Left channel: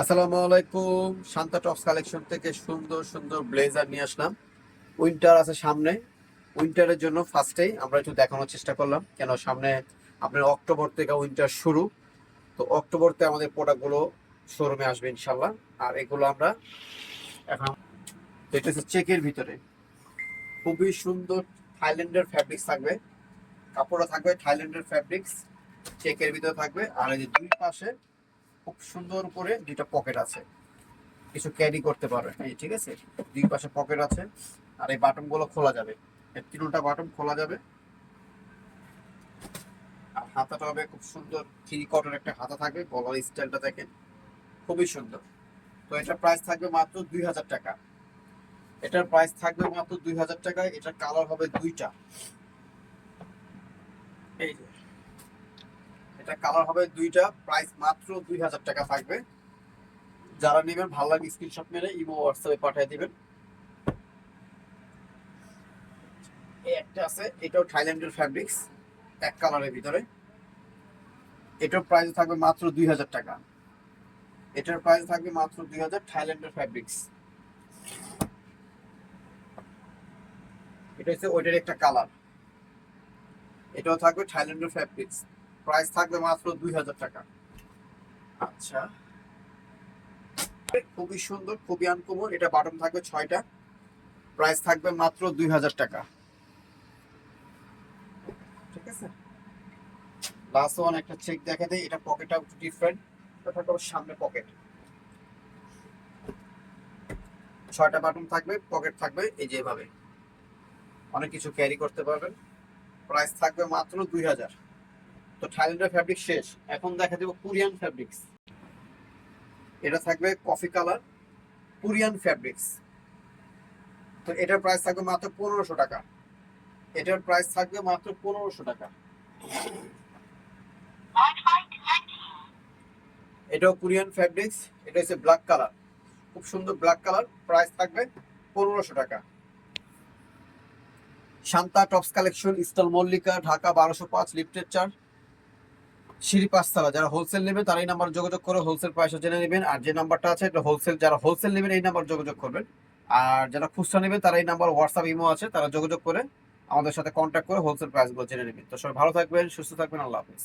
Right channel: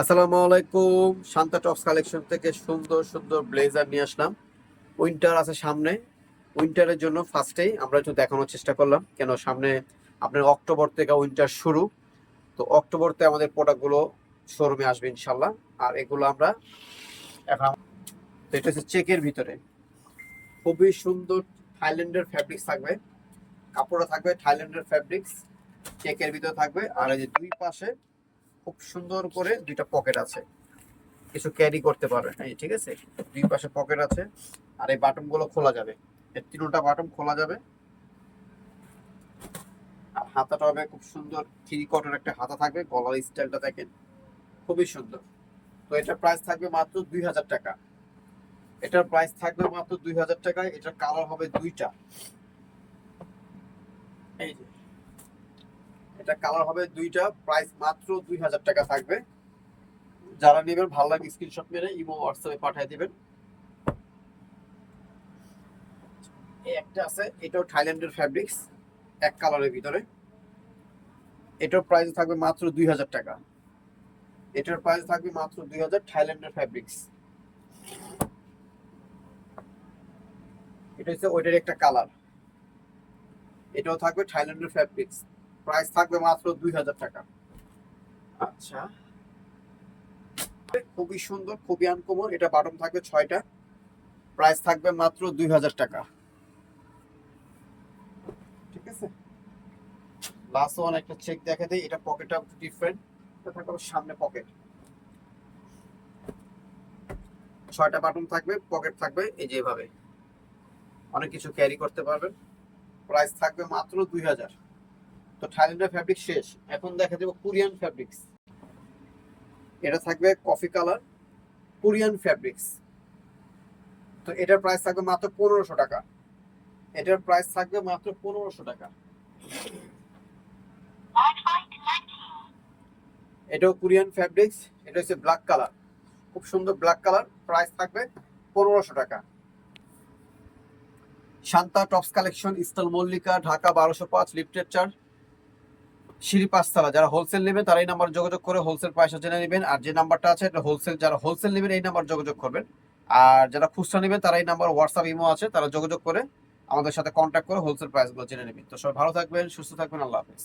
আসসালামু আলাইকুম। Shanta tops collection থেকে সুন্দর সুন্দর ব্লেজার নিয়ে আসলাম। উইন্টার আছে সামনে। উইন্টারের জন্য ফার্স্টেই আমরা একটু দেখানোর চেষ্টা করলাম। কেন সামনে আপনার অক্টোবর থেকে উইন্টার শুরু। তো অক্টোবরতে আমাদের প্রোডাক্টগুলো শোরুমে আসবে ইনশাল্লাহ আর এগুলো আমরা এখন তো এটা হচ্ছে চেকের ভিতরে। খুবই সুন্দর থাইল্যান্ডের ফ্যাব্রিক্স থাকবে। কাপড়টা থাকবে, থাইল্যান্ডের ফ্যাব্রিক্স চেকের ভিতরে থাকবে। আর এই যে দুই পাশে খুব সুন্দর করে দুইটা পকেট আছে। কিছু ক্যারি করতে পারবে হ্যাঁ ঠিক আছে? দুই পাশে পকেট আছে আর এই বাটনগুলো খোলা যাবে। এর তিনটা বাটন খোলা যাবে। আর হাতাটা হবে খুব সুন্দর থ্রি কটন একটা হাতা থাকবে, গলার স্টাইলটা দেখেন, খুবই সুন্দর। তো এটার প্রাইস থাকবে মাত্র দুই হাজার টাকা। এটার প্রাইস থাকবে মাত্র দুই হাজার টাকায়, এটার কালার হবে দুইটা। এই যে এটা কালার হবে দুইটা প্রাইস মাত্র দুই হাজার টাকা থাকবে। যারা নেবেন, ভালো লাগে স্ক্রিনশট মেরে ইমো হোয়াটসঅ্যাপে পাঠিয়ে দিবেন। একটা আছে, এটাও থাইল্যান্ডের ফ্যাব্রিক্স এক কালারের ভিতরে। এটার প্রাইস থাকবে মাত্র দুই হাজার টাকা। এটার প্রাইস থাকবে মাত্র দুই হাজার থাইল্যান্ডের ফ্যাব্রিক্স এটা হচ্ছে ওইটার একটা কালার এটাও থাকবে থাইল্যান্ডের ফ্যাব্রিক্স প্রাইস থাকবে মাত্র দুই হাজার টাকা। আচ্ছা। খুবই সুন্দর খুবই আনকমন এটা বাটন থাকবে ছয়টা। প্রাইস থাকবে মাত্র দুই হাজার টাকা। ঠিক আছে? লাস্ট ওয়ান একটা চেক দেখে দেই এটা পকেটটা ডিফারেন্ট এটা থাকবে সামনে পকেট ছয়টা বাটন থাকবে পকেট থাকবে এই যেভাবে অনেক কিছু ক্যারি করতে পারবেন। প্রাইস থাকবে মাত্র দুই হাজার। তো থাইল্যান্ডের ফ্যাব্রিক শেষ। এখন দেখা যাবে কোরিয়ান ফ্যাব্রিক্স এটা থাকবে কফি কালার কোরিয়ান ফ্যাব্রিক্স তো এটার প্রাইস থাকবে মাত্র পনেরোশো টাকা। এটার প্রাইস থাকবে মাত্র পনেরোশো টাকা। এটাও কোরিয়ান ফ্যাব্রিক্স এটা হচ্ছে ব্ল্যাক কালার খুব সুন্দর ব্ল্যাক কালার প্রাইস থাকবে পনেরোশো টাকা। শান্তা টপস কালেকশন ইস্টাল মল্লিকা ঢাকা বারোশো পাঁচ, লিফটেড চার্জ সিঁড়ি পাঁচতলা, যারা হোলসেল নেবেন তারা এই নাম্বার যোগাযোগ করে হোলসেল পয়সা জেনে নেবেন। আর যে নাম্বারটা আছে, এটা হোলসেল যারা হোলসেল নেবেন এই নাম্বার যোগাযোগ করবেন। আর যারা খুচরা নেবেন, তারা এই নাম্বার হোয়াটসঅ্যাপ ইমো আছে, তারা যোগাযোগ করে আমাদের সাথে কন্ট্যাক্ট করে হোলসেল প্রাইসগুলো জেনে নেবেন। তো সবাই ভালো থাকবেন, সুস্থ থাকবেন, আল্লাহ হাফিজ।